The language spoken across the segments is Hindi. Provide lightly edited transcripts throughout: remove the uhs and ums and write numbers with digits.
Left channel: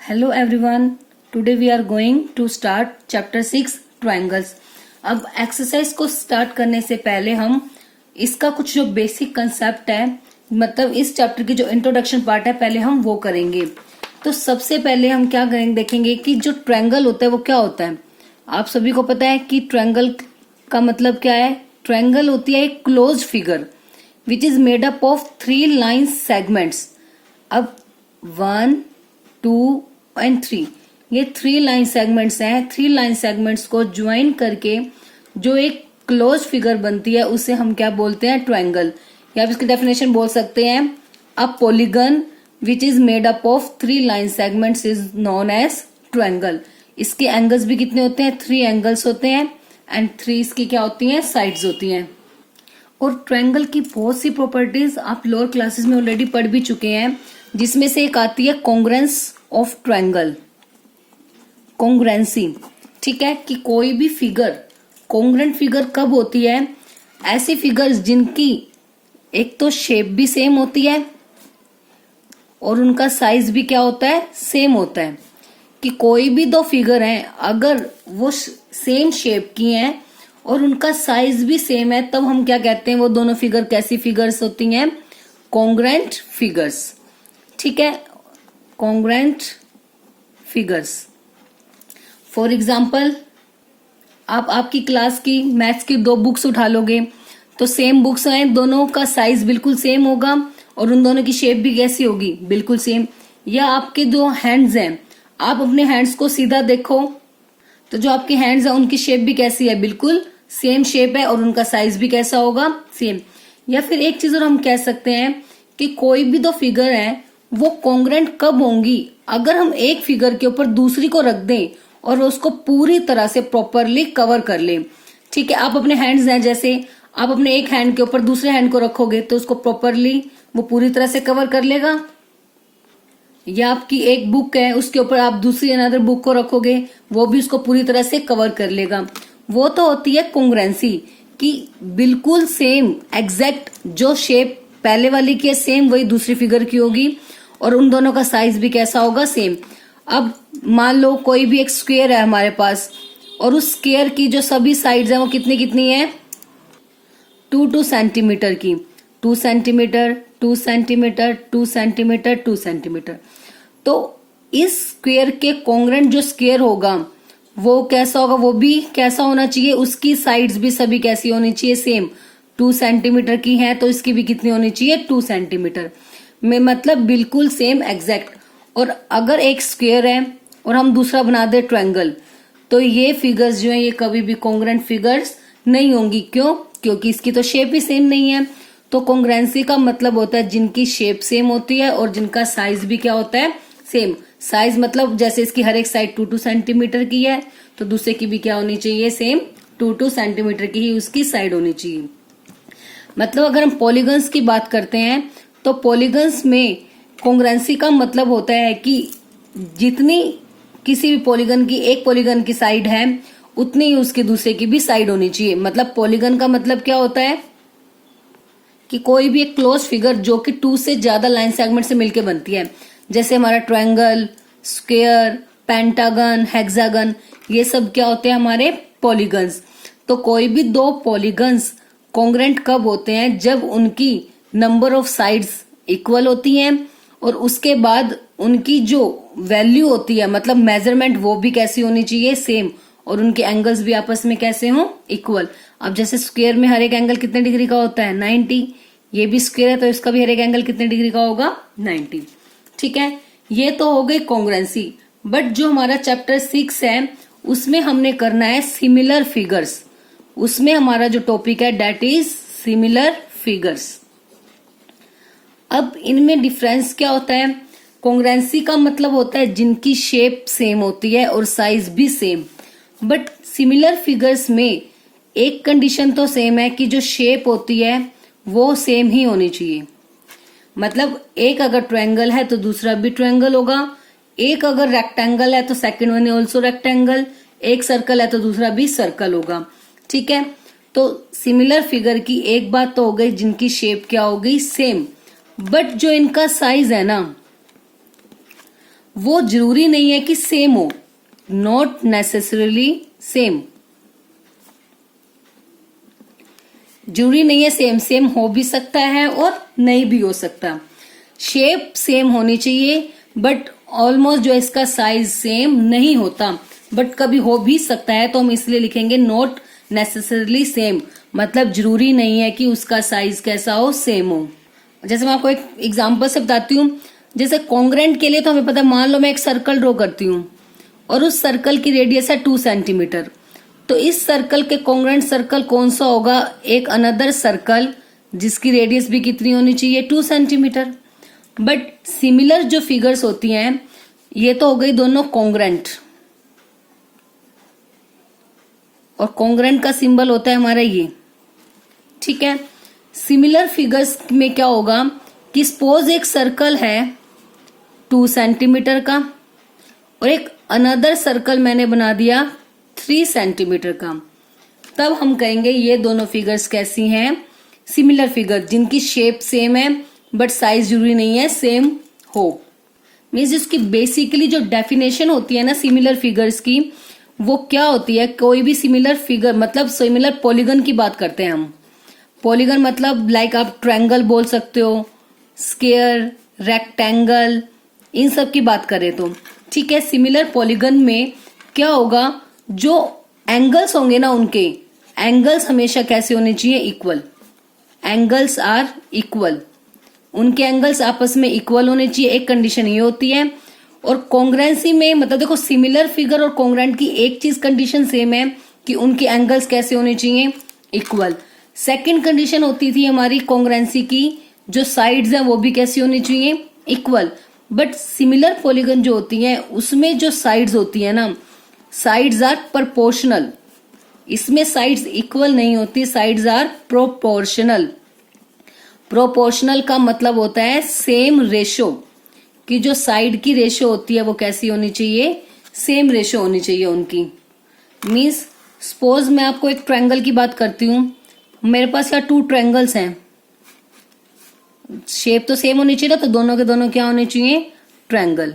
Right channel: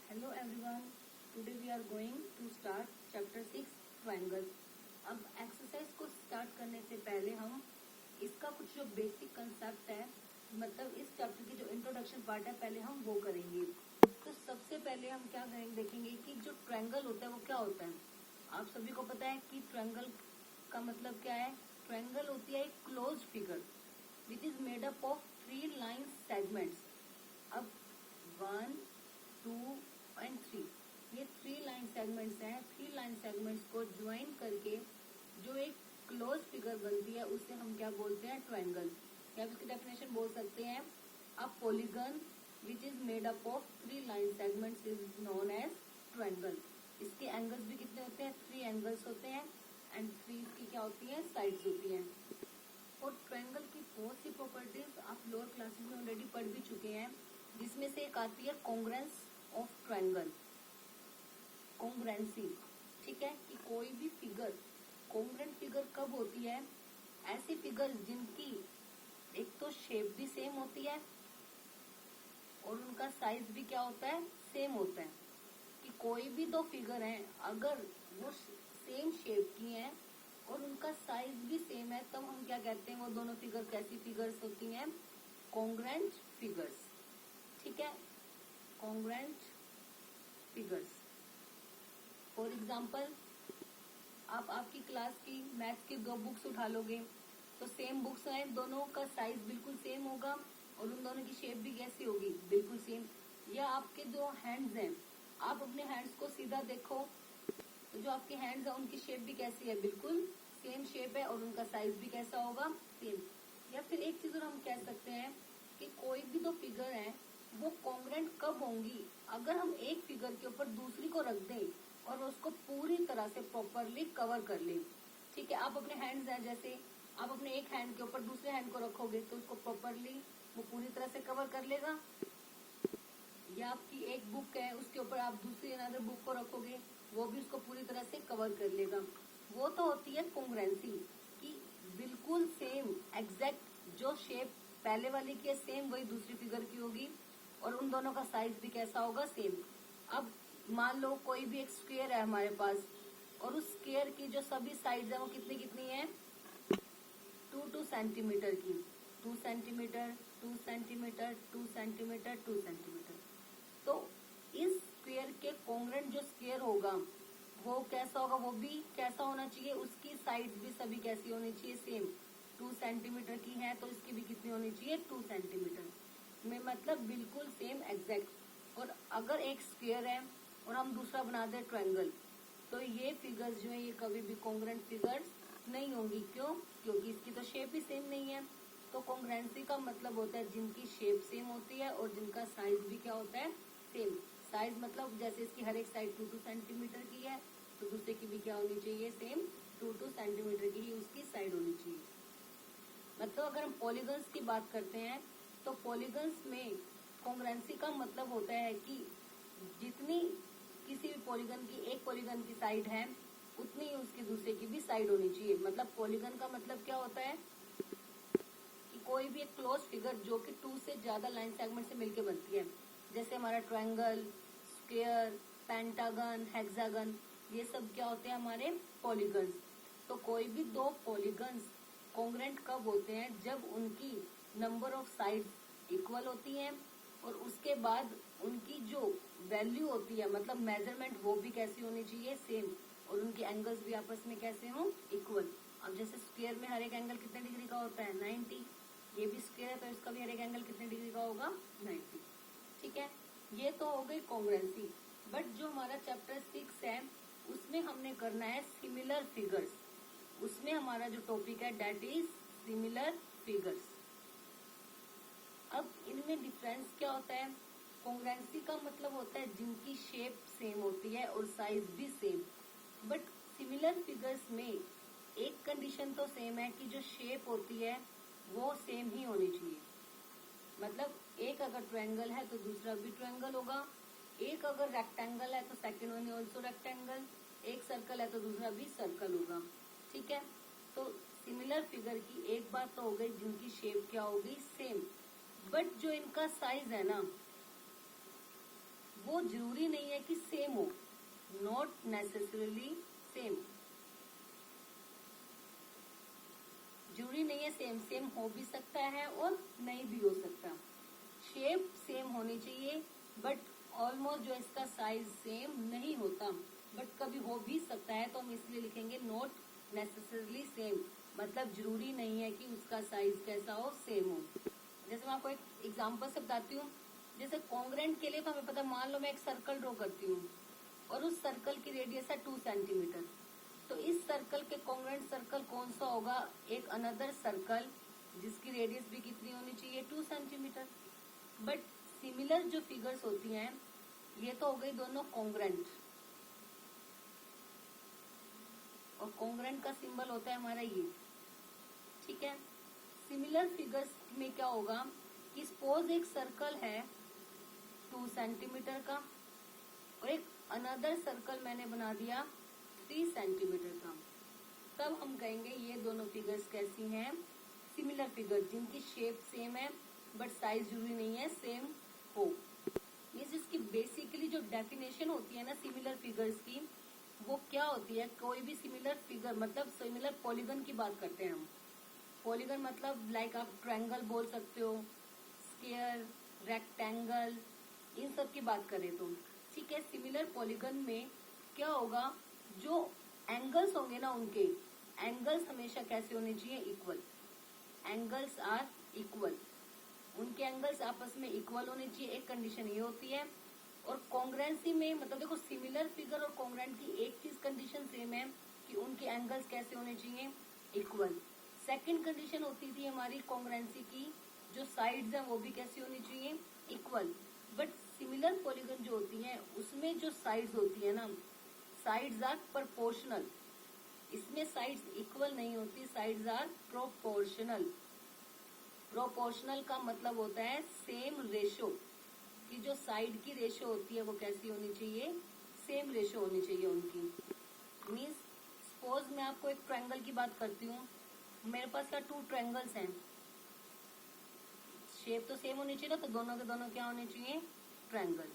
Hello everyone. Today we are going to start chapter 6 triangles. अब एक्सरसाइज को स्टार्ट करने से पहले हम इसका कुछ जो बेसिक कंसेप्ट है, मतलब इस चैप्टर की जो इंट्रोडक्शन पार्ट है, पहले हम वो करेंगे। तो सबसे पहले हम क्या करेंगे, देखेंगे कि जो ट्रायंगल होता है वो क्या होता है। आप सभी को पता है कि ट्रायंगल का मतलब क्या है। ट्रायंगल होती है एक closed figure which is made up of 3 line segments. अब 1, 2 एंड 3, ये 3 लाइन सेगमेंट्स हैं। 3 लाइन सेगमेंट्स को ज्वाइन करके जो एक क्लोज फिगर बनती है उसे हम क्या बोलते हैं, ट्रायंगल। या आप इसकी डेफिनेशन बोल सकते हैं, a polygon which is made up of 3 line segments is known as triangle. इसके एंगल्स भी कितने होते हैं, 3 एंगल्स होते हैं एंड 3 इसकी क्या होती हैं, साइड्स होती हैं। और ट्रायंगल की बहुत सी प्रॉपर्टीज आप लोअर क्लासेस में ऑलरेडी पढ़ भी चुके हैं, जिसमें से एक आती है कॉन्ग्रुएंस ऑफ ट्रायंगल, कॉन्ग्रुएंसी। ठीक है, कि कोई भी फिगर कॉन्ग्रुएंट फिगर कब होती है, ऐसी फिगर्स जिनकी एक तो शेप भी सेम होती है और उनका साइज भी क्या होता है, सेम होता है। कि कोई भी दो फिगर हैं, अगर वो सेम शेप की हैं और उनका साइज भी सेम है, तब हम क्या कहते हैं, वो दोनों फिगर कैसी फिगर्स होती हैं, कॉन्ग्रुएंट फिगर्स। ठीक है, कॉन्ग्रुएंट फिगर्स। फॉर एग्जाम्पल, आप आपकी क्लास की मैथ्स की 2 बुक्स उठा लोगे तो सेम बुक्स हैं, दोनों का साइज बिल्कुल सेम होगा और उन दोनों की शेप भी कैसी होगी, बिल्कुल सेम। या आपके जो हैंड्स हैं, आप अपने हैंड्स को सीधा देखो तो जो आपके हैंड्स हैं उनकी शेप भी कैसी है, बिल्कुल सेम शेप है और उनका साइज भी कैसा होगा, सेम। या फिर एक चीज और हम कह सकते हैं कि कोई भी दो फिगर है वो कॉन्ग्रुएंट कब होंगी, अगर हम एक फिगर के ऊपर दूसरी को रख दें और उसको पूरी तरह से प्रॉपरली कवर कर लें। ठीक है, आप अपने हैंड्स हैं, जैसे आप अपने एक हैंड के ऊपर दूसरे हैंड को रखोगे तो उसको प्रॉपरली वो पूरी तरह से कवर कर लेगा। या आपकी एक बुक है, उसके ऊपर आप दूसरी अनदर बुक को रखोगे, वो भी उसको पूरी तरह से कवर कर लेगा। वो तो होती है कॉन्ग्रुएंसी, कि बिल्कुल सेम एग्जैक्ट जो शेप पहले वाली की है सेम वही दूसरी फिगर की होगी और उन दोनों का साइज भी कैसा होगा, सेम। अब मान लो कोई भी एक स्क्वायर है हमारे पास और उस स्क्वायर की जो सभी साइड्स हैं वो कितनी कितनी है, 2 सेंटीमीटर की, 2 सेंटीमीटर, 2 सेंटीमीटर, 2 सेंटीमीटर, 2 सेंटीमीटर। तो इस स्क्वायर के कॉन्ग्रुएंट जो स्क्वायर होगा वो कैसा होगा, वो भी कैसा होना चाहिए, उसकी साइड्स भी सभी कैसी होनी चाहिए, सेम। 2 सेंटीमीटर की है तो इसकी भी कितनी होनी चाहिए, 2 सेंटीमीटर में, मतलब बिल्कुल सेम एग्जैक्ट। और अगर एक स्क्वायर है और हम दूसरा बना दे ट्रायंगल, तो ये फिगर्स जो है ये कभी भी कॉन्ग्रुएंट फिगर्स नहीं होंगी। क्यों? क्योंकि इसकी तो शेप ही सेम नहीं है। तो कॉन्ग्रुएंसी का मतलब होता है जिनकी शेप सेम होती है और जिनका साइज भी क्या होता है, सेम। साइज मतलब जैसे इसकी हर एक साइड 2 सेंटीमीटर की है तो दूसरे की भी क्या होनी चाहिए, सेम 2 सेंटीमीटर की ही उसकी साइड होनी चाहिए। मतलब अगर हम पॉलीगन्स की बात करते हैं तो पॉलीगन्स में कॉन्ग्रुएंसी का मतलब होता है कि जितनी किसी भी पॉलीगन की, एक पॉलीगन की साइड है उतनी ही उसके दूसरे की भी साइड होनी चाहिए। मतलब पॉलीगन का मतलब क्या होता है कि कोई भी एक क्लोज फिगर जो कि 2 से ज्यादा लाइन सेगमेंट से मिलकर बनती है, जैसे हमारा ट्रायंगल, स्क्वायर, पेंटागन, हेक्सागन, ये सब क्या होते हैं, हमारे पॉलीगन्स। तो कोई भी दो पॉलीगन्स कॉन्ग्रुएंट कब होते हैं, जब उनकी नंबर ऑफ साइड्स इक्वल होती हैं और उसके बाद उनकी जो वैल्यू होती है, मतलब मेजरमेंट, वो भी कैसी होनी चाहिए, सेम। और उनके एंगल्स भी आपस में कैसे हों, इक्वल। अब जैसे स्क्वायर में हर एक एंगल कितने डिग्री का होता है, 90। ये भी स्क्वायर है तो इसका भी हर एक एंगल कितने डिग्री का होगा, 90। ठीक है, ये तो हो गई कॉन्ग्रुएंसी। बट जो हमारा चैप्टर 6 है उसमें हमने करना है सिमिलर फिगर्स। उसमें हमारा जो टॉपिक है दैट इज सिमिलर फिगर्स। अब इनमें डिफरेंस क्या होता है, कॉन्ग्रुएंसी का मतलब होता है जिनकी शेप सेम होती है और साइज भी सेम। बट सिमिलर फिगर्स में एक कंडीशन तो सेम है कि जो शेप होती है वो सेम ही होनी चाहिए। मतलब एक अगर ट्रायंगल है तो दूसरा भी ट्रायंगल होगा, एक अगर रेक्टेंगल है तो सेकंड वन ऑल्सो रेक्टेंगल, एक सर्कल है तो दूसरा भी सर्कल होगा। ठीक है, तो सिमिलर फिगर की एक बात तो हो गई जिनकी शेप क्या हो गई, सेम। बट जो इनका साइज है ना, वो जरूरी नहीं है कि सेम हो, नॉट नेसेसरीली सेम, जरूरी नहीं है सेम, सेम हो भी सकता है और नहीं भी हो सकता। शेप सेम होनी चाहिए बट ऑलमोस्ट जो इसका साइज सेम नहीं होता, बट कभी हो भी सकता है, तो हम इसलिए लिखेंगे नॉट नेसेसरली सेम, मतलब जरूरी नहीं है कि उसका साइज कैसा हो, सेम हो। जैसे मैं आपको एक एग्जांपल से बताती हूँ, जैसे कॉन्ग्रेंट के लिए तो हमें पता है, मान लो मैं एक सर्कल ड्रॉ करती हूँ और उस सर्कल की रेडियस है 2 सेंटीमीटर, तो इस सर्कल के कॉन्ग्रेंट सर्कल कौन सा होगा, एक अनदर सर्कल जिसकी रेडियस भी कितनी होनी चाहिए, 2 सेंटीमीटर। बट सिमिलर जो फिगर्स होती हैं, ये तो हो गई दोनों कॉन्ग्रेंट, और कॉन्ग्रेंट का सिंबल होता है हमारा ये, ठीक है। सिमिलर फिगर्स में क्या होगा कि सपोज एक सर्कल है 2 सेंटीमीटर का और एक अनदर सर्कल मैंने बना दिया 3 सेंटीमीटर का, तब हम कहेंगे ये दोनों फिगर्स कैसी हैं, सिमिलर फिगर, जिनकी शेप सेम है बट साइज जरूरी नहीं है सेम हो। मीन्स इसकी बेसिकली जो डेफिनेशन होती है ना सिमिलर फिगर्स की, वो क्या होती है, कोई भी सिमिलर फिगर मतलब सिमिलर पॉलीगन की बात करते हैं हम। पॉलीगन मतलब लाइक आप ट्रायंगल बोल सकते हो, स्क्वायर, रेक्टेंगल, इन सब की बात करें तो ठीक है। सिमिलर पॉलीगन में क्या होगा, जो एंगल्स होंगे ना, उनके एंगल्स हमेशा कैसे होने चाहिए, इक्वल, एंगल्स आर इक्वल, उनके एंगल्स आपस में इक्वल होने चाहिए, एक कंडीशन ये होती है। और कॉन्ग्रेंसी में मतलब देखो, सिमिलर फिगर और कॉन्ग्रेंट की एक चीज कंडीशन सेम है कि उनके एंगल्स कैसे होने चाहिए, इक्वल। सेकंड कंडीशन होती थी हमारी कॉन्ग्रेंसी की, जो साइड्स हैं वो भी कैसी होनी चाहिए, इक्वल। बट सिमिलर पॉलीगन जो होती हैं उसमें जो साइड्स होती है ना, साइड्स आर प्रोपोर्शनल, इसमें साइड्स इक्वल नहीं होती, साइड्स आर प्रोपोर्शनल। प्रोपोर्शनल का मतलब होता है सेम रेशो, कि जो साइड की रेशो होती है वो कैसी होनी चाहिए, सेम रेशो होनी चाहिए उनकी। मीन्स सपोज मैं आपको एक ट्रायंगल की बात करती हूँ, मेरे पास यहाँ 2 ट्रायंगल्स हैं, शेप तो सेम होनी चाहिए ना, तो दोनों के दोनों क्या होने चाहिए, ट्रायंगल।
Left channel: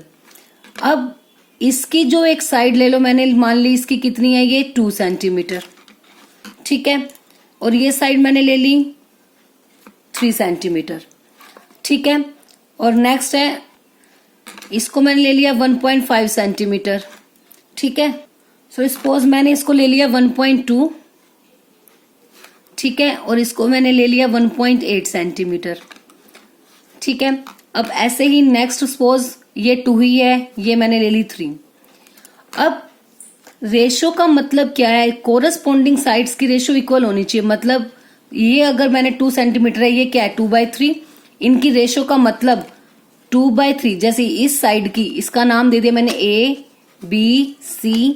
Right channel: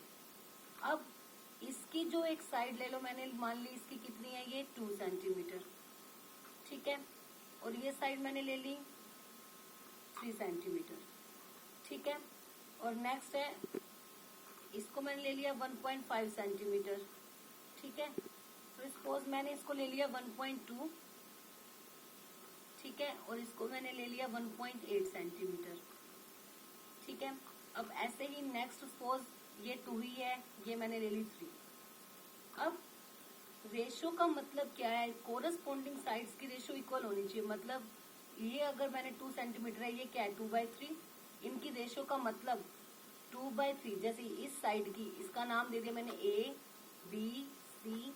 अब इसकी जो एक साइड ले लो, मैंने मान ली इसकी कितनी है, ये 2 सेंटीमीटर, ठीक है, और ये साइड मैंने ले ली 3 सेंटीमीटर, ठीक है। और नेक्स्ट है, इसको मैंने ले लिया 1.5 सेंटीमीटर, ठीक है। सो सपोज मैंने इसको ले लिया 1.2, ठीक है, और इसको मैंने ले लिया 1.8 सेंटीमीटर, ठीक है। अब ऐसे ही नेक्स्ट सपोज ये 2 ही है, ये मैंने ले ली 3। अब रेशो का मतलब क्या है, कोरस्पॉन्डिंग साइड्स की रेशो इक्वल होनी चाहिए। मतलब ये अगर मैंने 2 सेंटीमीटर है, ये क्या है 2/3, इनकी रेशो का मतलब 2/3। जैसे इस साइड की, इसका नाम दे दिया मैंने ABCPQR,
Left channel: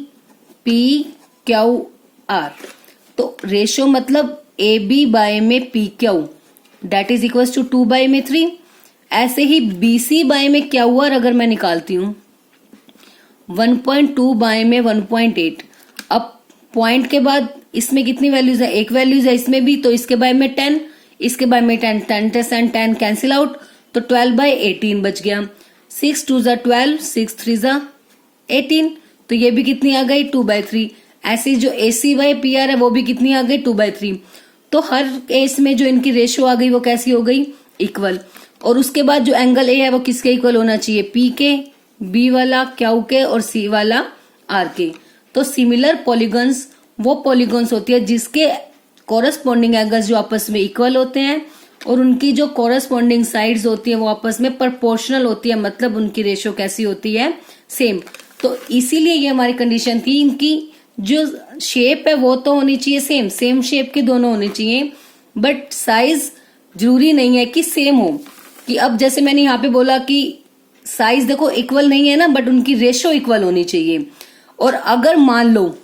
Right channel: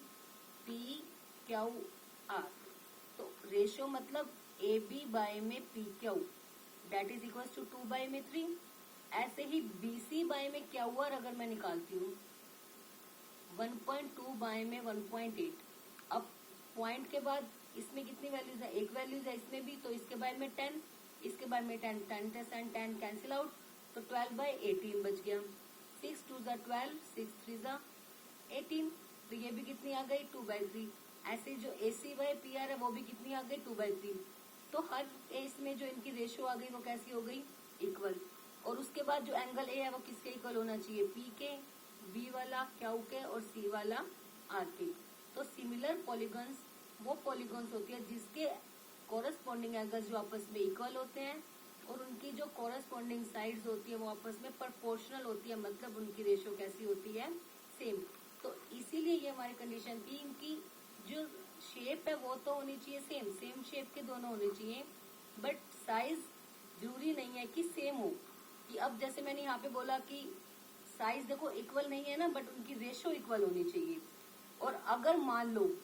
तो रेशो मतलब AB बाय में PQ that is equal to 2/3। ऐसे ही BC बाय में QR अगर मैं निकालती हूँ 1.2 बाय में 1.8। अब पॉइंट के बाद इसमें कितनी वैल्यूज है, एक वैल्यूज है इसमें भी, तो इसके बाय में 10, इसके बाय में 10, 10 कैंसिल आउट, तो 12/18 बच गया। 6 2 ज़ा 12, 6 3 ज़ा 18, तो ये भी कितनी आ गई 2/3। ऐसी जो AC/PR है वो भी कितनी आ गई 2/3। तो हर केस में जो इनकी रेशियो आ गई वो कैसी हो गई, इक्वल। और उसके बाद जो एंगल ए है वो किसके इक्वल होना चाहिए, P के, B वाला Q के और C वाला R के। तो सिमिलर पॉलीगन्स वो पॉलीगन्स होती है जिसके कॉरस्पॉन्डिंग एंगल्स जो आपस में इक्वल होते हैं और उनकी जो कॉरस्पॉन्डिंग साइड्स होती है वो आपस में प्रोपोर्शनल होती है, मतलब उनकी रेशियो कैसी होती है, सेम। तो इसीलिए ये हमारी कंडीशन थी, इनकी जो शेप है वो तो होनी चाहिए सेम, सेम शेप के दोनों होने चाहिए, बट साइज जरूरी नहीं है कि सेम हो। कि अब जैसे मैंने यहाँ पे बोला कि साइज देखो इक्वल नहीं है ना, बट उनकी रेशो इक्वल होनी चाहिए। और अगर मान लो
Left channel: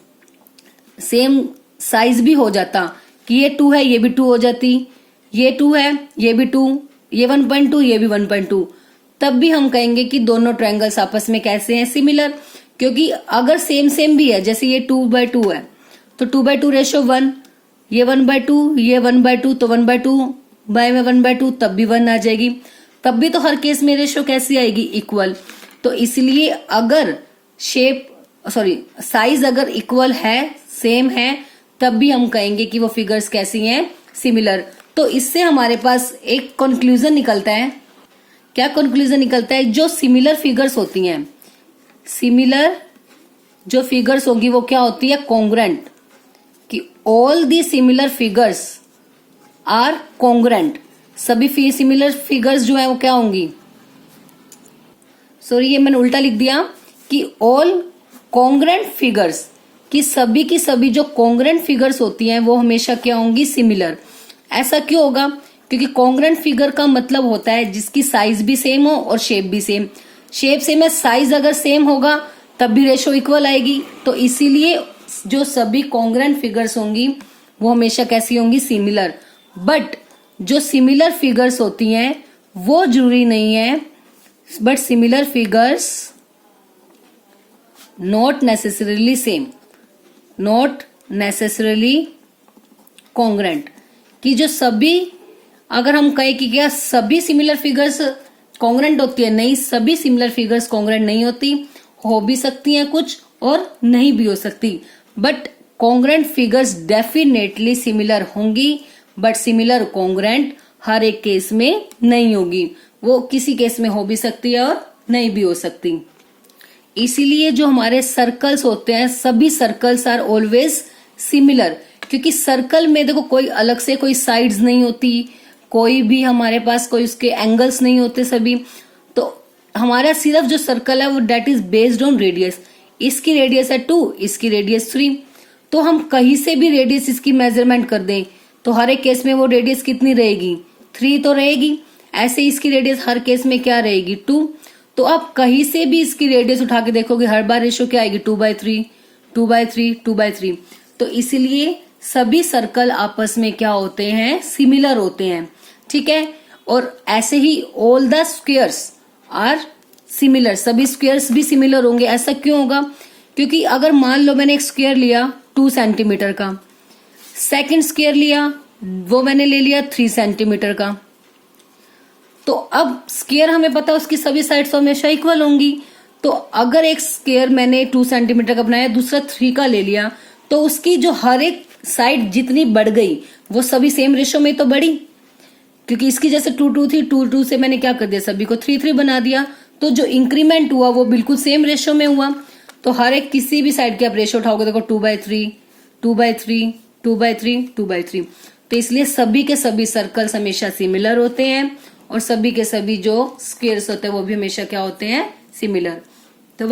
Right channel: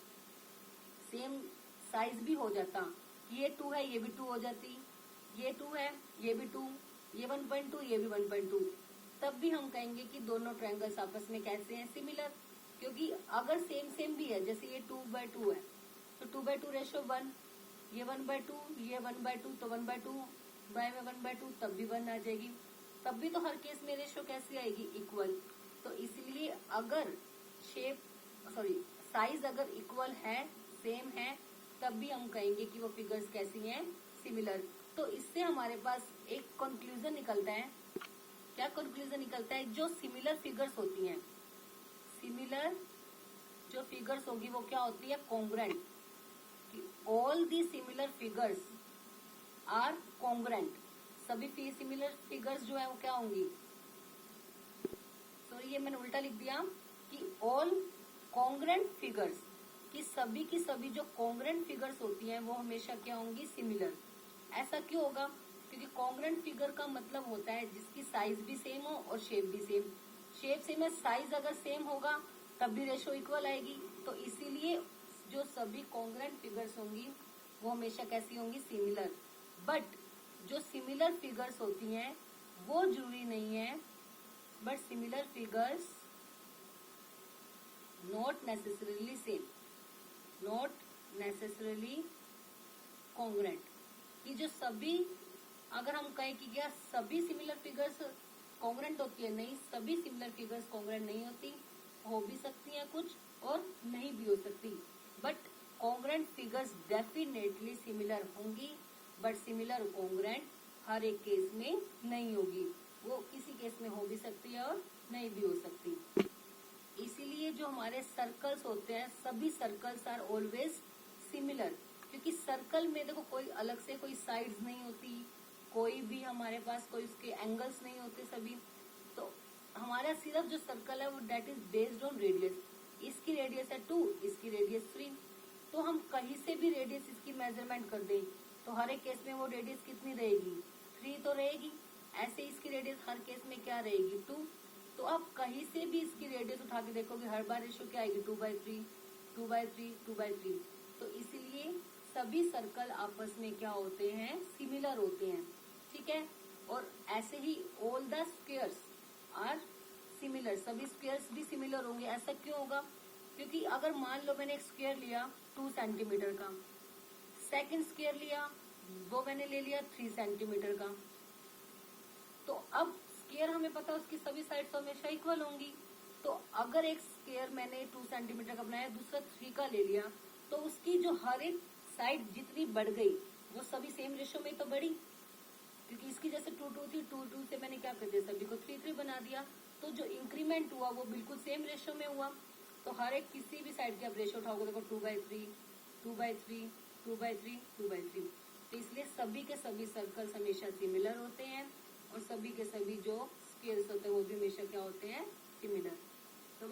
सेम साइज भी हो जाता कि ये 2 है ये भी 2 हो जाती, ये 2 है ये भी 2, ये 1.2 ये भी 1.2, तब भी हम कहेंगे कि दोनों ट्रायंगल्स आपस में कैसे हैं, सिमिलर। क्योंकि अगर सेम सेम भी है, जैसे ये 2/2 है तो 2/2 रेशो 1, ये 1/2 ये 1/2, तो 1/2 बाय में 1/2 तब भी 1 आ जाएगी, तब भी तो हर केस में रेशो कैसी आएगी, इक्वल। तो इसलिए अगर साइज अगर इक्वल है, सेम है, तब भी हम कहेंगे कि वो फिगर्स कैसी हैं, सिमिलर। तो इससे हमारे पास एक कंक्लूजन निकलता है। क्या कंक्लूजन निकलता है? जो सिमिलर फिगर्स होती हैं, सिमिलर जो फिगर्स होगी वो क्या होती है, कॉन्ग्रेंट, कि all the similar figures are congruent. सभी सिमिलर फिगर्स जो है वो क्या होंगी, सॉरी ये मैंने उल्टा लिख दिया, कि ऑल कॉन्ग्रेंट फिगर्स, कि सभी की सभी जो कॉन्ग्रेंट फिगर्स होती हैं वो हमेशा क्या होंगी, सिमिलर। ऐसा क्यों होगा? क्योंकि कॉन्ग्रेंट फिगर का मतलब होता है जिसकी साइज भी सेम हो और शेप भी सेम। शेप सेम है, साइज अगर सेम होगा तब भी रेशो इक्वल आएगी। तो इसीलिए जो सभी कॉन्ग्रेंट फिगर्स होंगी वो हमेशा कैसी होंगी, सिमिलर। बट जो सिमिलर फिगर्स होती हैं वो जरूरी नहीं है, but similar figures not necessarily same, not necessarily congruent, कि जो सभी, अगर हम कहें कि क्या सभी सिमिलर फिगर्स कॉन्ग्रेंट होती है, नहीं, सभी सिमिलर फिगर्स कॉन्ग्रेंट नहीं होती, हो भी सकती हैं कुछ और नहीं भी हो सकती। But congruent figures definitely similar होंगी, बट सिमिलर कॉन्ग्रेंट हर एक केस में नहीं होगी। वो किसी केस में हो भी सकती है और नहीं भी हो सकती। इसीलिए जो हमारे सर्कल्स होते हैं, सभी सर्कल्स आर ऑलवेज सिमिलर, क्योंकि सर्कल में देखो कोई अलग से कोई साइड्स नहीं होती, कोई भी हमारे पास कोई उसके एंगल्स नहीं होते सभी। तो हमारा सिर्फ जो सर्कल है वो that is based on radius. इसकी रेडियस है 2, इसकी रेडियस 3। तो हम कहीं से भी रेडियस इसकी मेजरमेंट कर दें तो हर एक केस में वो रेडियस कितनी रहेगी, 3 तो रहेगी। ऐसे इसकी रेडियस हर केस में क्या रहेगी, 2। तो आप कहीं से भी इसकी रेडियस उठा के देखोगे हर बार रेशो क्या आएगी, 2/3, 2/3, 2/3। तो इसीलिए सभी सर्कल आपस में क्या होते हैं, सिमिलर होते हैं, ठीक है। और ऐसे ही all the squares are similar, सभी स्क्वायर्स भी सिमिलर होंगे। ऐसा क्यों होगा? क्योंकि अगर मान लो मैंने एक स्क्वायर लिया 2 सेंटीमीटर का, सेकंड स्क्वायर लिया वो मैंने ले लिया 3 सेंटीमीटर का, तो अब स्क्वायर हमें पता है उसकी सभी साइड्स हमेशा इक्वल होंगी। तो अगर एक स्क्वायर मैंने 2 सेंटीमीटर का बनाया, दूसरा 3 का ले लिया, तो उसकी जो हर एक साइड जितनी बढ़ गई वो सभी सेम रेशो में तो बढ़ी, क्योंकि इसकी जैसे 2 थी, 2 से मैंने क्या कर दिया, सभी को 3 बना दिया। तो जो इंक्रीमेंट हुआ वो बिल्कुल सेम रेशो में हुआ। तो हर एक किसी भी साइड के आप रेशो उठाओगे, देखो 2/3, 2/3, 2/3, 2/3। तो इसलिए सभी के सभी सर्कल्स हमेशा सिमिलर होते हैं और सभी के सभी जो स्क्वायर्स होते हैं वो भी हमेशा क्या होते हैं, सिमिलर। तो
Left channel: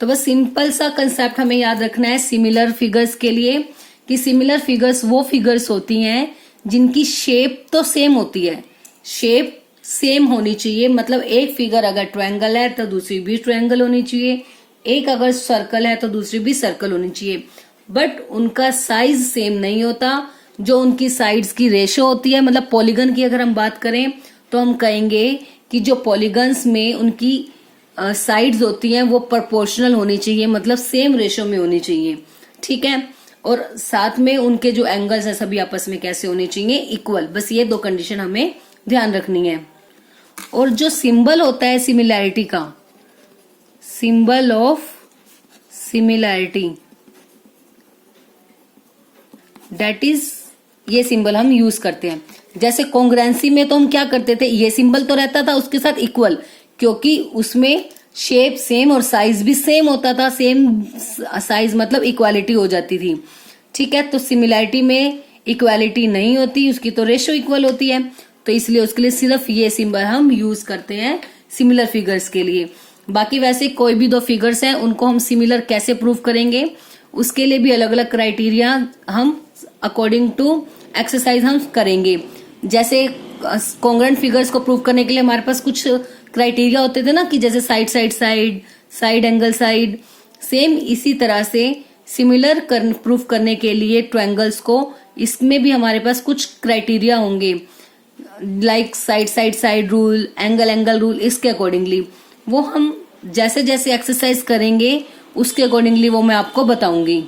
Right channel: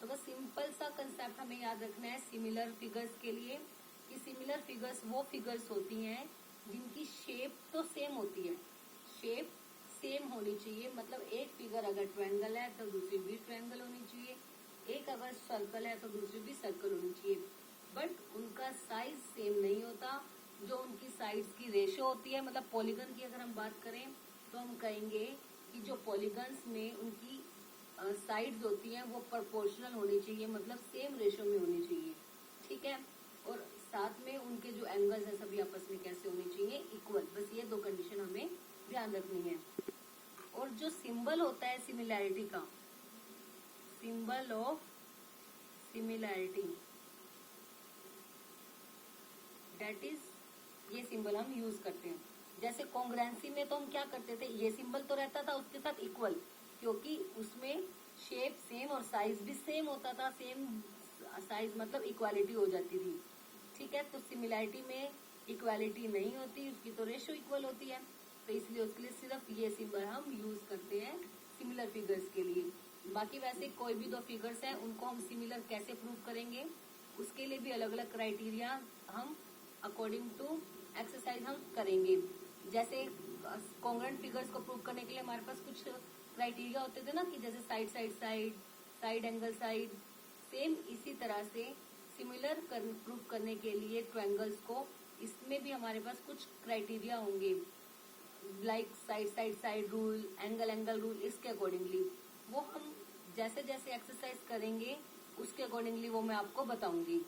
बस सिंपल सा कंसेप्ट हमें याद रखना है सिमिलर फिगर्स के लिए, कि सिमिलर फिगर्स वो फिगर्स होती हैं जिनकी शेप तो सेम होती है, शेप सेम होनी चाहिए। मतलब एक फिगर अगर ट्रायंगल है तो दूसरी भी ट्रायंगल होनी चाहिए, एक अगर सर्कल है तो दूसरी भी सर्कल होनी चाहिए, बट उनका साइज सेम नहीं होता। जो उनकी साइड्स की रेशो होती है, मतलब पॉलीगन की अगर हम बात करें तो हम कहेंगे कि जो पॉलीगन्स में उनकी साइड्स होती हैं वो प्रोपोर्शनल होनी चाहिए, मतलब सेम रेशो में होनी चाहिए, ठीक है। और साथ में उनके जो एंगल्स है सभी आपस में कैसे होने चाहिए, इक्वल। बस ये 2 कंडीशन हमें ध्यान रखनी है। और जो सिंबल होता है सिमिलैरिटी का, symbol of similarity, that is, ये सिंबल हम यूज करते हैं। जैसे कॉन्ग्रेंसी में तो हम क्या करते थे, ये सिंबल तो रहता था उसके साथ इक्वल, क्योंकि उसमें शेप सेम और साइज भी सेम होता था, सेम साइज मतलब इक्वालिटी हो जाती थी, ठीक है। तो सिमिलैरिटी में इक्वालिटी नहीं होती, उसकी तो रेशो इक्वल होती है। तो इसलिए उसके लिए सिर्फ ये सिंबल हम यूज करते हैं सिमिलर फिगर्स के लिए। बाकी वैसे कोई भी 2 फिगर्स हैं उनको हम सिमिलर कैसे प्रूव करेंगे, उसके लिए भी अलग अलग क्राइटेरिया हम अकॉर्डिंग टू एक्सरसाइज हम करेंगे। जैसे कॉन्ग्रेंट फिगर्स को प्रूव करने के लिए हमारे पास कुछ क्राइटेरिया होते थे ना, कि जैसे साइड एंगल साइड, सेम इसी तरह से सिमिलर प्रूफ करने के लिए ट्रायंगल्स को, इसमें भी हमारे पास कुछ क्राइटेरिया होंगे, like side rule, angle rule. इसके अकॉर्डिंगली वो हम जैसे जैसे एक्सरसाइज करेंगे उसके अकॉर्डिंगली वो मैं आपको बताऊंगी।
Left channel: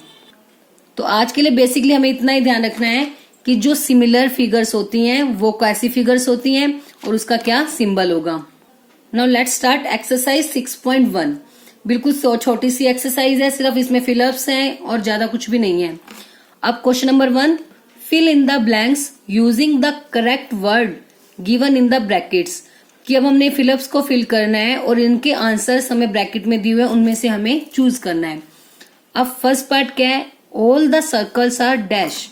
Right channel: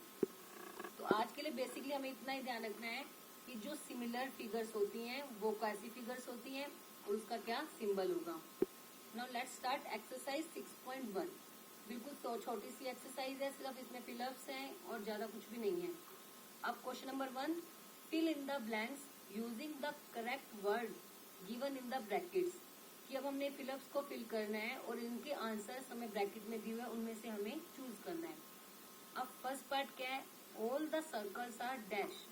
तो आज के लिए बेसिकली हमें इतना ही ध्यान रखना है कि जो सिमिलर फिगर्स होती हैं वो कैसी फिगर्स होती हैं और उसका क्या सिंबल होगा। Now let's start exercise 6.1। बिल्कुल छोटी सी एक्सरसाइज है, सिर्फ इसमें फिलअप्स हैं और ज्यादा कुछ भी नहीं है। अब question number 1, fill in the blanks using the correct word given in the brackets. कि अब हमने फिलअप्स को फिल करना है और इनके आंसर्स हमें ब्रैकेट में दिए हुए हैं, उनमें से हमें चूज करना है। अब फर्स्ट पार्ट क्या है, all the circles are dash,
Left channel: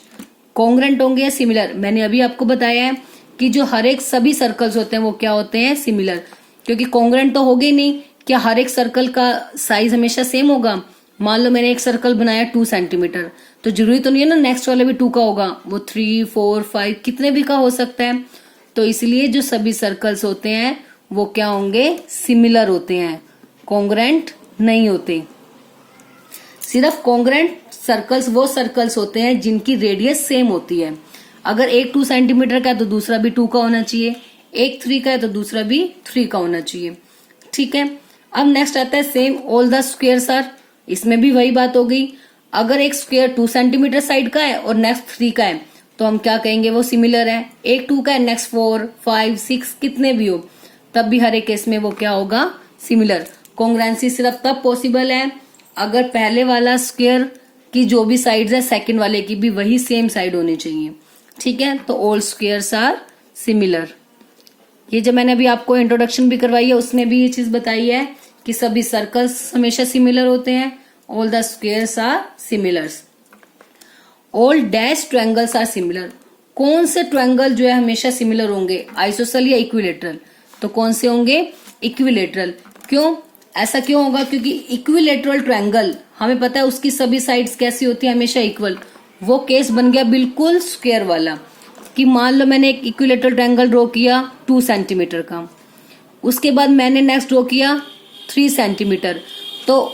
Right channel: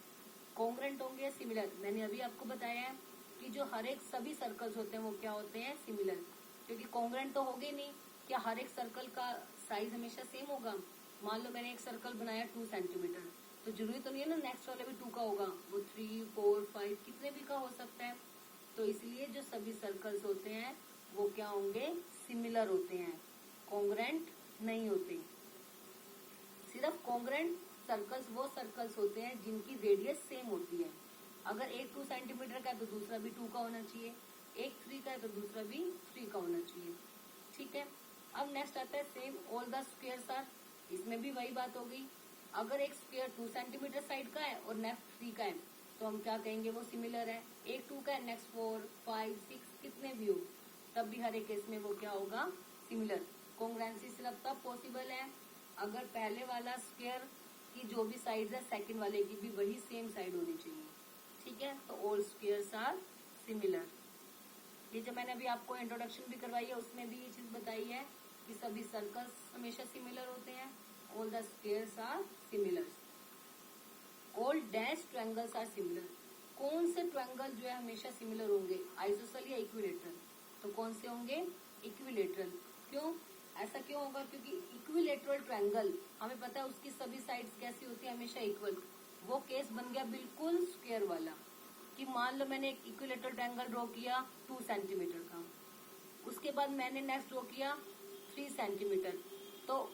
congruent होंगे या सिमिलर। मैंने अभी आपको बताया है कि जो हर एक सभी सर्कल्स होते हैं वो क्या होते हैं, सिमिलर, क्योंकि कॉन्ग्रेंट तो होगे नहीं। क्या हर एक सर्कल का साइज हमेशा सेम होगा? मान लो मैंने एक सर्कल बनाया 2 सेंटीमीटर, तो जरूरी तो नहीं है ना नेक्स्ट वाला भी 2 का होगा, वो 3, 4, 5 कितने भी का हो सकता है। तो इसलिए जो सभी सर्कल्स होते हैं वो क्या होंगे, सिमिलर होते हैं, कॉन्ग्रेंट नहीं होते। सिर्फ कॉन्ग्रेंट सर्कल्स वो सर्कल्स होते हैं जिनकी रेडियस सेम होती है। अगर एक 2 सेंटीमीटर का है तो दूसरा भी 2 का होना चाहिए, एक 3 का है तो दूसरा भी 3 का होना चाहिए। ठीक है, अब नेक्स्ट आता है same all the squares are. इसमें भी वही बात हो गई, अगर एक स्क्वेयर 2 सेंटीमीटर साइड का है और नेक्स्ट 3 का है तो हम क्या कहेंगे, वो सिमिलर है। एक 2 का है, नेक्स्ट 4, 5, 6 कितने भी हो, तब भी हर एक केस में वो क्या होगा, सिमिलर। कॉन्ग्रुएंसी सिर्फ तब पॉसिबल है अगर पहले वाला स्क्वेयर की जो भी साइड्स है सेकंड वाले की भी वही सेम साइड होनी चाहिए। ठीक है, तो ऑल स्क्वेयर्स आर सिमिलर। ये जो मैंने अभी आपको इंट्रोडक्शन भी करवाई है उसमें भी ये चीज बताई है कि सभी सर्कल्स हमेशा सिमिलर होते हैं, all the squares are similars. All dash triangles are similar. कौन से ट्रायंगल जो है हमेशा सिमिलर होंगे, आइसोसेल या इक्विलेटरल? तो कौन से होंगे, इक्विलेटरल। क्यों, ऐसा क्यों होगा? क्योंकि इक्विलेटरल ट्रायंगल हमें पता है उसकी सभी साइड्स कैसी होती है, हमेशा इक्वल। वो केस बन गया बिल्कुल स्क्वायर वाला, कि मान लो मैंने एक इक्विलेटरल ट्रायंगल ड्रॉ किया 2 सेंटीमीटर का, उसके बाद मैंने नेक्स्ट ड्रॉ किया 3 सेंटीमीटर, तो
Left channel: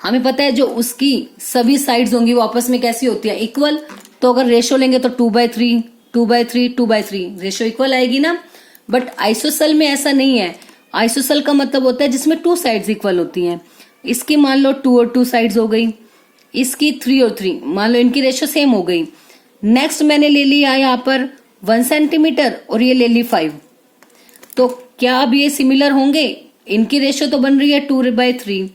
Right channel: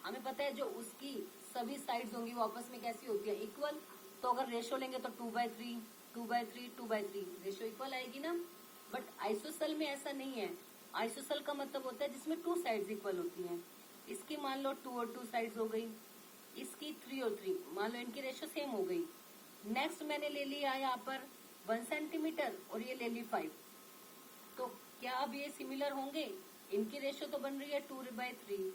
हमें पता है जो उसकी सभी साइड्स होंगी वो आपस में कैसी होती है, इक्वल। तो अगर रेशो लेंगे तो 2/3, 2/3, 2/3 रेशो इक्वल आएगी ना। बट आइसोसेल में ऐसा नहीं है। आइसोसेल का मतलब होता है जिसमें 2 साइड्स इक्वल होती हैं। इसकी मान लो 2 और 2 साइड्स हो गई, इसकी 3 और 3, मान लो इनकी रेशो सेम हो गई। नेक्स्ट मैंने ले लिया यहाँ पर 1 सेंटीमीटर और ये ले ली 5, तो क्या अब ये सिमिलर होंगे? इनकी रेशो तो बन रही है 2/3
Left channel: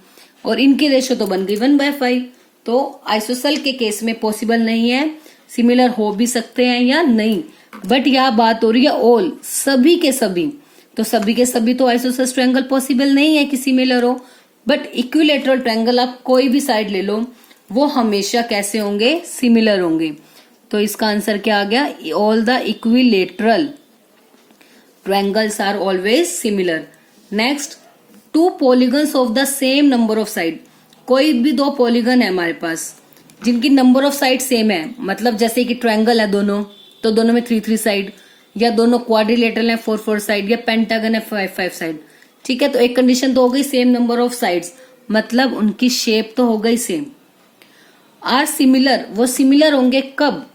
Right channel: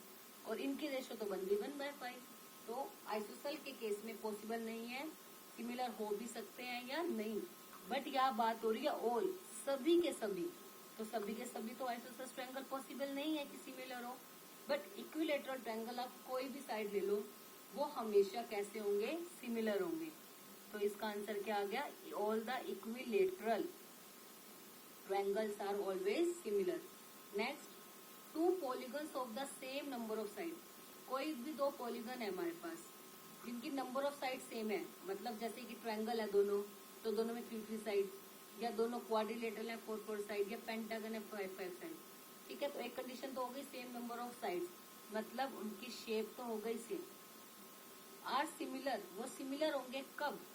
और इनकी रेशो तो बन गई 1/5। तो आइसोसेल के केस में पॉसिबल नहीं है, सिमिलर हो भी सकते हैं या नहीं। बट यह बात हो रही है ऑल, सभी के सभी, तो सभी के सभी तो आइसोसेल ट्रायंगल पॉसिबल नहीं है कि सिमिलर हो। बट इक्विलेटरल ट्रायंगल आप कोई भी साइड ले लो वो हमेशा कैसे होंगे, सिमिलर होंगे। तो इसका आंसर क्या आ गया, all the equilateral triangles are always similar. Next, 2 polygons of the same number of side. कोई भी 2 पॉलीगन है हमारे पास जिनकी नंबर ऑफ साइड सेम है, मतलब जैसे कि ट्रायंगल है दोनों, तो दोनों में 3-3 साइड, या दोनों क्वाड्रिलेटरल है 4-4 साइड, या पेंटागन है 5-5 साइड। ठीक है, तो एक कंडीशन तो हो गई सेम नंबर ऑफ साइड्स, मतलब उनकी शेप तो हो गई सेम। आर सिमिलर, वो सिमिलर होंगे कब,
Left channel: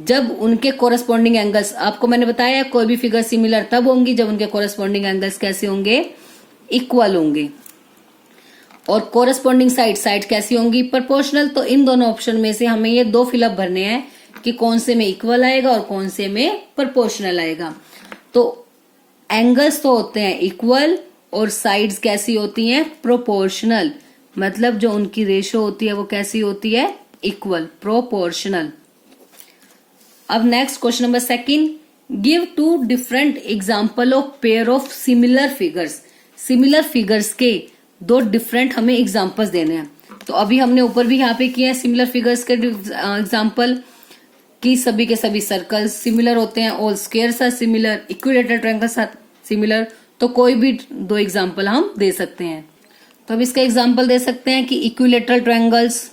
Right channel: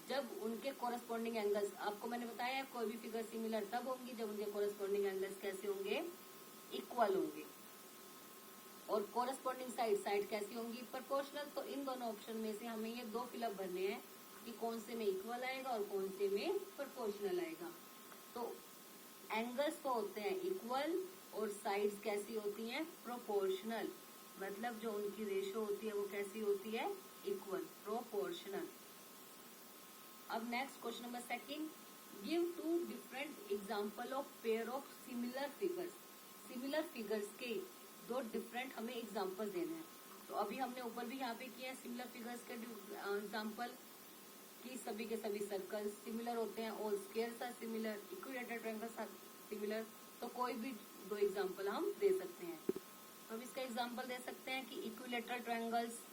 जब उनके कोरस्पॉन्डिंग एंगल्स, आपको मैंने बताया कोई भी फिगर सिमिलर तब होंगी जब उनके कोरस्पॉन्डिंग एंगल्स कैसे होंगे, इक्वल होंगे। और कोरस्पॉन्डिंग साइड कैसी होंगी, प्रोपोर्शनल। तो इन दोनों ऑप्शन में से हमें ये 2 फिलअप भरने हैं कि कौन से में इक्वल आएगा और कौन से में प्रोपोर्शनल आएगा। तो एंगल्स तो होते हैं इक्वल और साइड्स कैसी होती हैं, प्रोपोर्शनल, मतलब जो उनकी रेशो होती है वो कैसी होती है, इक्वल, प्रोपोर्शनल। अब next question number 2, give 2 different example of pair of similar figures. Similar figures के 2 डिफरेंट हमें एग्जाम्पल्स देने हैं। तो अभी हमने ऊपर भी यहाँ पे किया है सिमिलर फिगर्स के एग्जाम्पल, कि सभी के सभी सर्कल्स सिमिलर होते हैं, all squares are similar, equilateral triangles are similar. तो कोई भी 2 एग्जाम्पल हम दे सकते हैं। तो अब इसका एग्जाम्पल दे सकते हैं कि equilateral triangles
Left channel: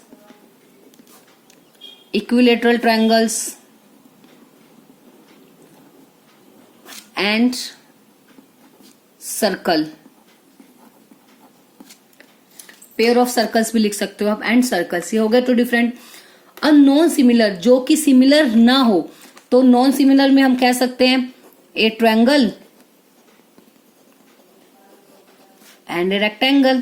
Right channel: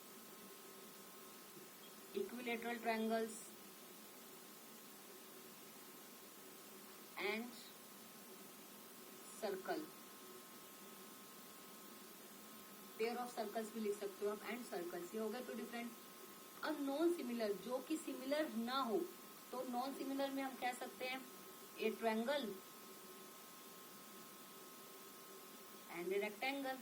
and circle, pair of circles भी लिख सकते हो आप, एंड सर्कल्स, ये हो गए 2 डिफरेंट। नॉन सिमिलर, जो कि सिमिलर ना हो, तो नॉन सिमिलर में हम कह सकते हैं ए ट्रायंगल एंड ए रेक्टेंगल।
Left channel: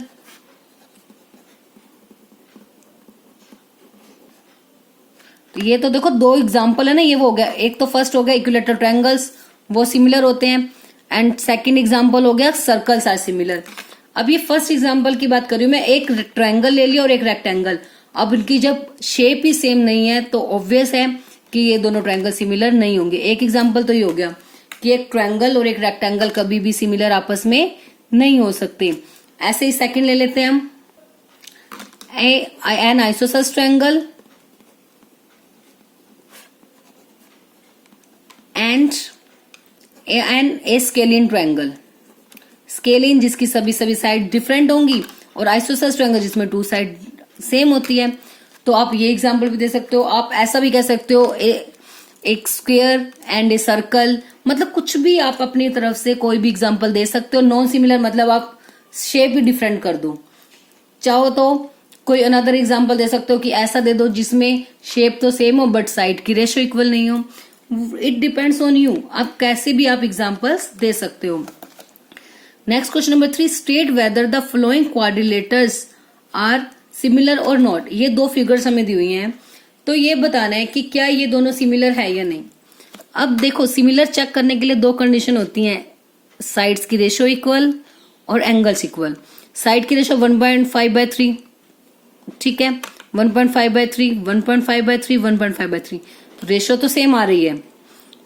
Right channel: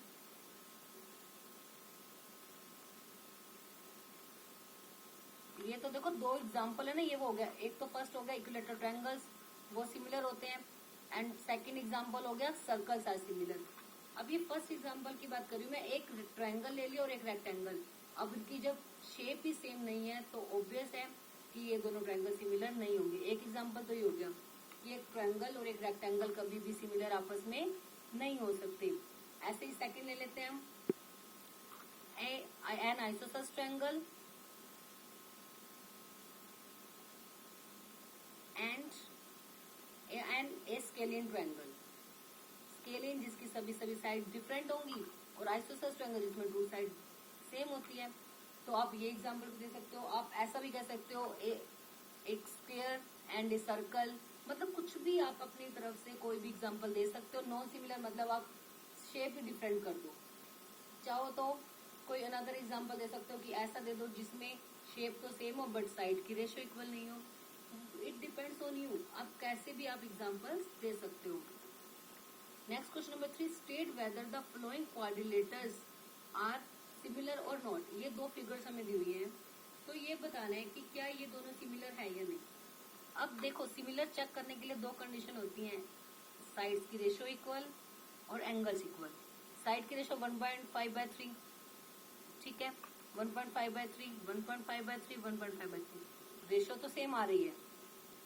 तो ये तो देखो 2 एग्जाम्पल है ना, ये वो हो गया। एक तो फर्स्ट हो गया इक्विलेटरल ट्रायंगल्स, वो सिमिलर होते हैं, एंड सेकंड एग्जांपल हो गया सर्कल्स आर सिमिलर। अब ये फर्स्ट एग्जांपल की बात कर रही हूँ मैं, एक ट्रायंगल ले लिया और एक रेक्टेंगल। अब इनकी जब शेप ही सेम नहीं है तो ऑब्वियस है कि ये दोनों ट्रायंगल सिमिलर नहीं होंगे। एक एग्जांपल तो ये हो गया कि एक ट्रायंगल और एक रेक्टेंगल कभी भी सिमिलर आपस में नहीं हो सकते। ऐसे ही सेकंड ले लेते हैं हम, an isosceles triangle and an a scalene triangle. Scalene जिसकी सभी साइड डिफरेंट होंगी और आइसोसेलेस ट्रायंगल जिसमें 2 साइड सेम होती है। तो आप ये एग्जांपल भी दे सकते हो, आप ऐसा भी कह सकते हो एक स्क्वायर एंड ए सर्कल, मतलब कुछ भी आप अपनी तरफ से कोई भी एग्जांपल दे सकते हो। नॉन सिमिलर मतलब आप शेप भी डिफरेंट कर दो। चाहो तो कोई अनदर एग्जांपल दे सकते हो कि ऐसा दे दो जिसमें शेप तो सेम हो बट साइड की रेशियो इक्वल नहीं हो। इट डिपेंड्स ऑन यू, आप कैसे भी आप एग्जांपल्स दे सकते हो। Next question number 3, state whether the following quadrilaterals are similar और नॉट। ये 2 फिगर्स हमें दी हुई हैं, तो ये बताना है कि क्या ये दोनों सिमिलर है या नहीं। अब देखो, सिमिलर चेक करने के लिए 2 कंडीशन होती हैं, साइड्स की रेशियो इक्वल और एंगल्स इक्वल। साइड की रेशियो 1.5/3, ठीक है, 1.5/3, 1.5/3, 1.5/3, रेशियो तो सेम आ रही है।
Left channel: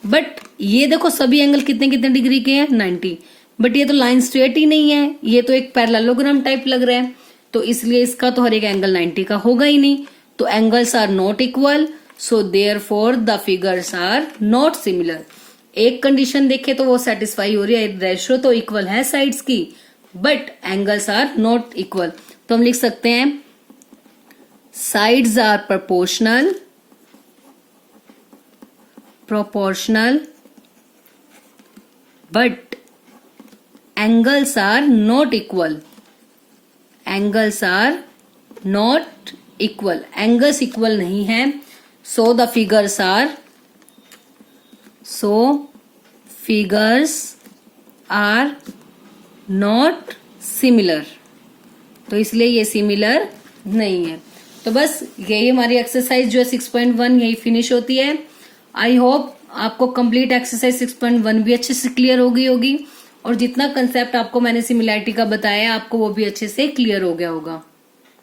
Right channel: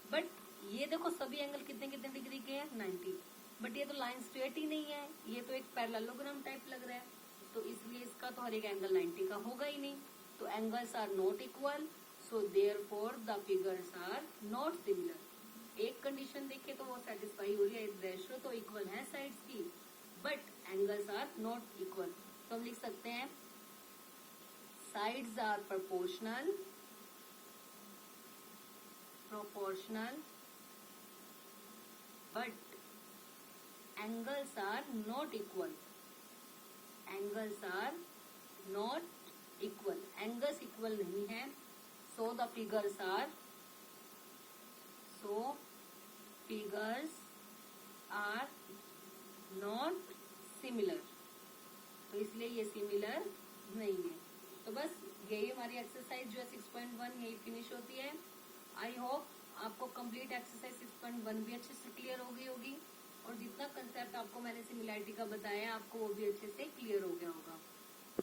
बट ये देखो सभी एंगल कितने कितने डिग्री के हैं, 90। बट ये तो लाइन स्ट्रेट ही नहीं है, ये तो एक पैरेललोग्राम टाइप लग रहा है, तो इसलिए इसका तो हर एक एंगल 90 का होगा ही नहीं। तो angles are not equal, so therefore the figures are not similar. एक कंडीशन देखे तो वो सेटिस्फाई हो रही है, रेशियो तो इक्वल है साइड्स की but angles are not equal. तो हम लिख सकते हैं sides are proportional but angles are not equal. Angles are not equal. Angles equal नहीं है, so the figures are not similar. तो इसलिए ये सिमिलर नहीं है। तो बस यही हमारी एक्सरसाइज जो है 6.1 यही फिनिश होती है। आई होप आपको कंप्लीट एक्सरसाइज 6.1 भी अच्छे से क्लियर हो गई होगी और जितना कंसेप्ट आपको मैंने सिमिलैरिटी का बताया आपको वो भी अच्छे से क्लियर हो गया होगा।